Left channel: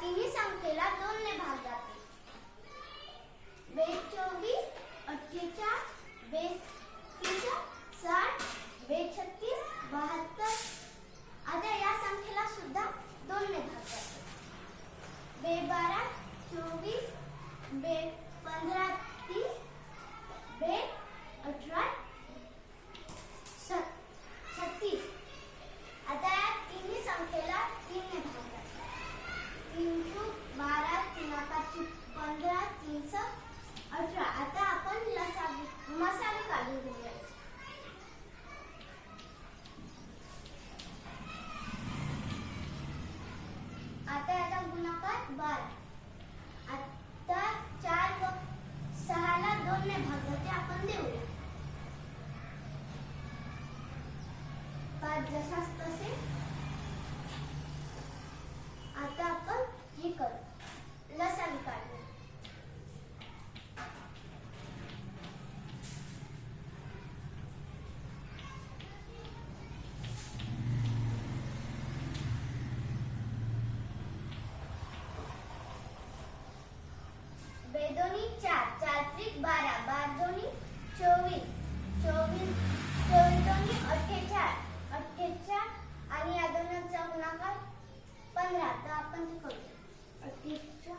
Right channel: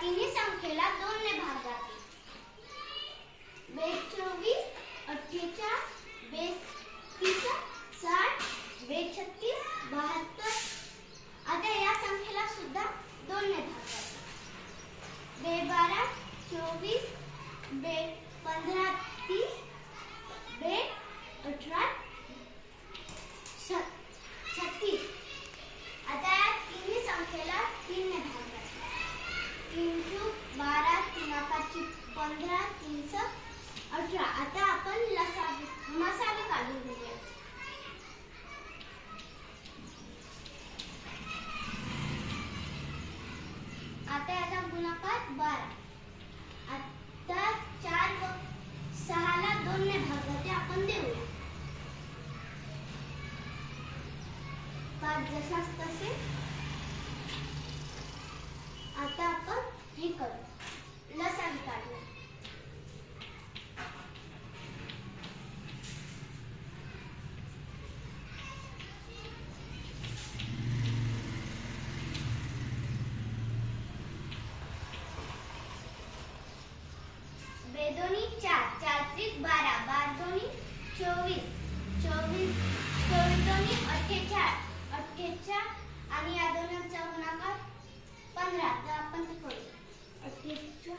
तिन्ही संख्येला दोन ने भाग जाते. बेस चोवीस अठ्ठेचाळीस बेस तीस साठ बेस छत्तीस बहात्तर. आता या संख्येला सुद्धा दोन ने भाग जाते. बे बारा चोवीस बे पंधरा पंधरा तीनशे अठरा. आता आपण लसा मसाले काढून घेऊया. आता याचा गुणाकार बारा. आता चार व सहाला दोन ने भाग ते आपण देऊया. पाच जसाच तसे. आता आपण हे करू. चार चार त्रिक बारा बार दोन्ही चोवीस चोवीस चोवीस दोन्ही अठ्ठेचाळ अठ्ठेचाळ आणि या दोनांचा गुणाकार पंधरा. तर आपण ते करू. अठ्ठेचाळ.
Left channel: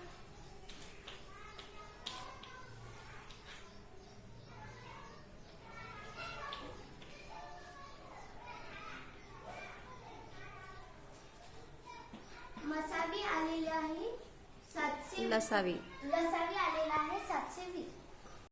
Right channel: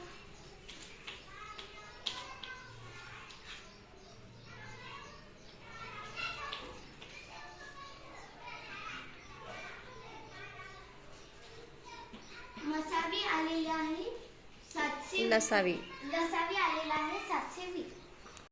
मसावी आलेली आहे सातशे लसावी. TV.